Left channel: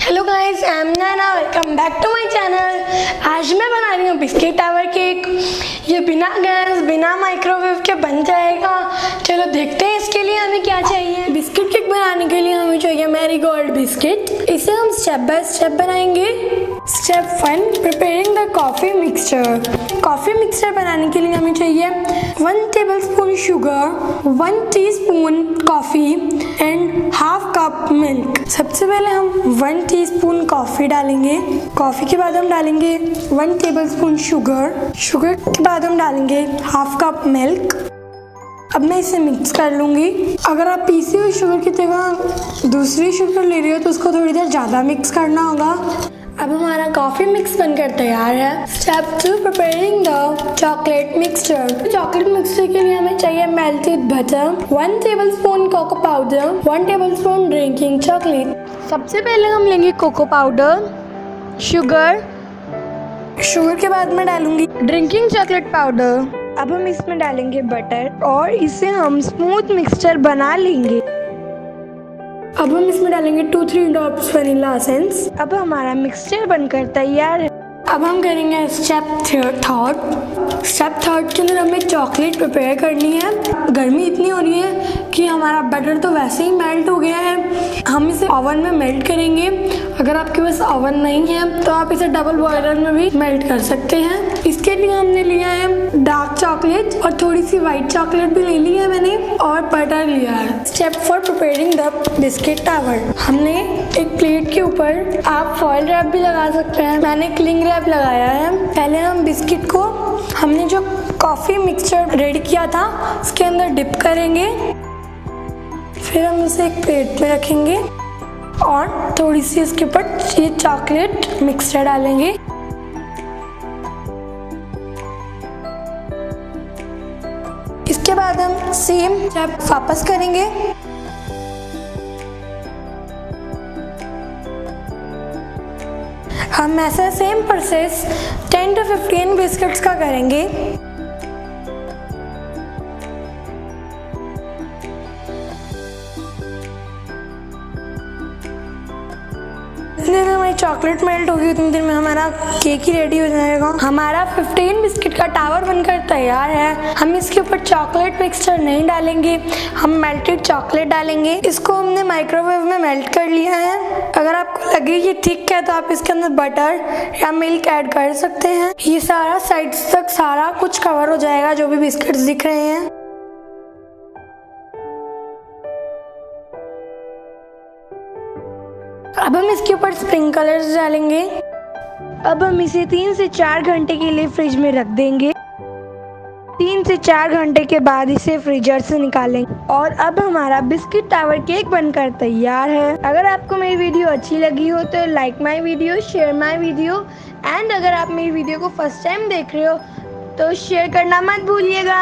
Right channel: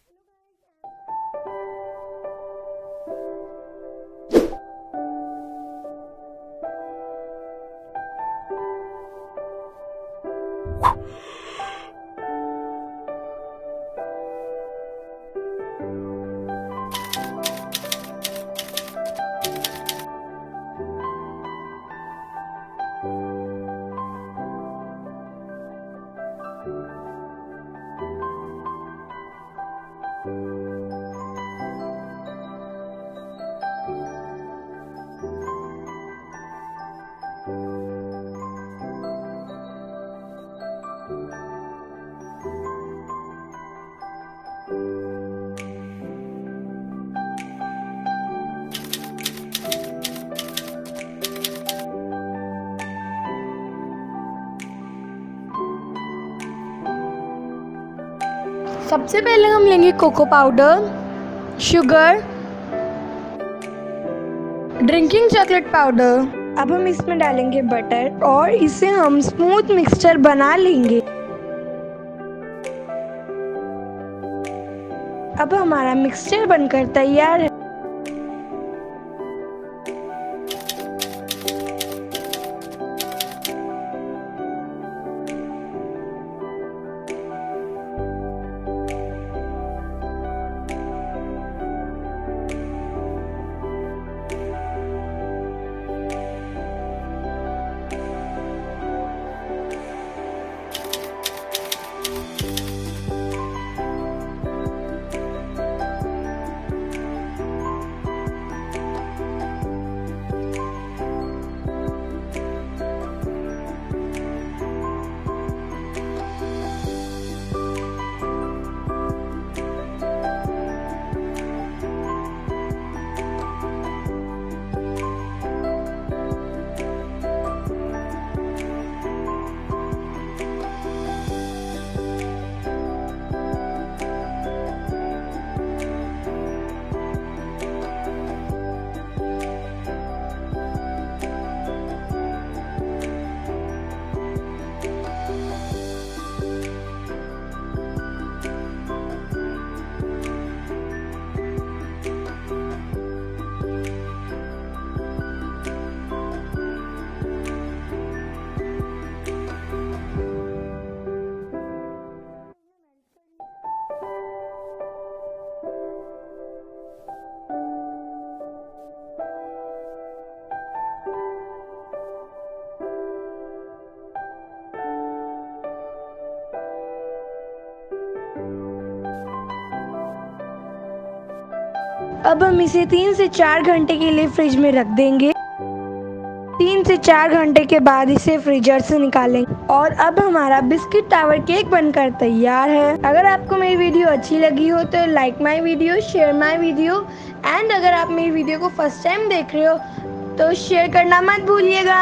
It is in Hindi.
Hello guys, I am Naina, welcome back to my channel. आज मैं बना रही हूँ बिस्किट टावर केक। ये बिना गैस बिना माइक्रोवेव के बन जाएगा। चलो देखते हैं इसके लिए हमें क्या चाहिए। बिस्किट केक बनाने के लिए हमें चाहिए मैरीगोल्ड बिस्किट। इसे हम स्टेप बाय स्टेप बनाएंगे। Step 1, preparing the coffee mixture. Coffee mixture बनाने के लिए हमें चाहिए 1 tablespoon sugar, 1 teaspoon coffee and half cup milk. सबसे पहले हम 1 टीस्पून कॉफ़ी डालेंगे। कॉफ़ी के बाद हम डालेंगे 1 टेबलस्पून शुगर। शुगर के बाद हम डालेंगे हाफ कप मिल्क। अब मैं इसे मिक्स कर लूँगी। अगर आप पीसी हुई शुगर की जगह दूसरी शुगर ले रही हो तो उसको थोड़ी देर ज़्यादा मिक्स करना होगा। अब हमारा कॉफ़ी मिक्स बनकर तैयार है। Step 2, preparing the chocolate mixture. Chocolate mixture के लिए हमें चाहिए melted butter, 1 tablespoon cocoa powder, 1 tablespoon drinking chocolate. सबसे पहले हम लेंगे कोको पाउडर, शुगर के बाद मैं डालूंगी ड्रिंकिंग चॉकलेट पाउडर। अब हम इसमें डालेंगे बटर और इसे हम स्मूथ मिक्सचर बना लेंगे। अब हम इसमें डालेंगे 2-3 ड्रॉप्स वनीला एसेंस। अब हमारा मिक्सचर बनकर तैयार है। अब हम करेंगे स्टेप 3। स्टेप 3 के लिए हमें चॉकलेट प्रिपेयर करनी है। गर्मी इतनी हो रही है कि हमारा बटर तो वैसे ही मेल्ट हो गया है। हम इसे ओवन में मेल्ट करेंगे। अगर आपके पास ओवन नहीं है तो आप इसे डबल बॉयलर में भी मेल्ट कर सकते हैं। इसके लिए हमने लिया है डार्क चॉकलेट और थोड़ी सी वाइट चॉकलेट भी ले ली है मैंने और बटर लिया है। Step 4, preparing the biscuit tower. हमने एक प्लेट के ऊपर आप फॉइल रैप भी लगा सकते हैं। मैंने क्लिंग रैप लगाया है। पहले हम बिस्किट को हमने जो कॉफ़ी मिक्सचर रेडी किया था उसके अंदर डिप करेंगे। फिर हम इसे एक प्लेट में रखेंगे और थोड़ी सी इसके ऊपर ये चॉकलेट मिक्सचर डालेंगे। इसके बाद हम सेम स्टेप वापस करेंगे। हम ऐसा सेम प्रोसेस 10 to 15 बिस्किट्स का करेंगे। जितनी देर हमारी चॉकलेट मेल्ट होगी उतनी देर में हमारा केक ही रेडी हो जाएगा। हमारा 15 बिस्किट का टावर बनकर तैयार है। हम इसके ऊपर चॉकलेट मिक्सचर नहीं डालेंगे, हम मेल्टेड चॉकलेट डालेंगे। इसको हमने माइक्रोवेव में मेल्ट कर लिया है। अगर आपको लगे ये थिक है तो आप इसके अंदर बटर या मिल्क ऐड कर सकते हैं। ये सारा साइड्स तक सारा कुछ कवर हो जाएगा जो भी बिस्किट्स दिख रहे हैं। अब हम इसके ऊपर स्प्रिंकलर्स डालेंगे। अब हम इसे 3 से 4 घंटे के लिए फ्रिज में रख देंगे। 3 से 4 घंटे के बाद इसे फ्रीजर से निकालेंगे और अब हमारा बिस्किट टावर केक बनकर तैयार है। अगर आपको मेरी वीडियो अच्छी लगी हो तो like my video, share my video and अगर आप मेरी वीडियो को फर्स्ट टाइम देख रहे हो तो शेयर करना मत भूलिएगा।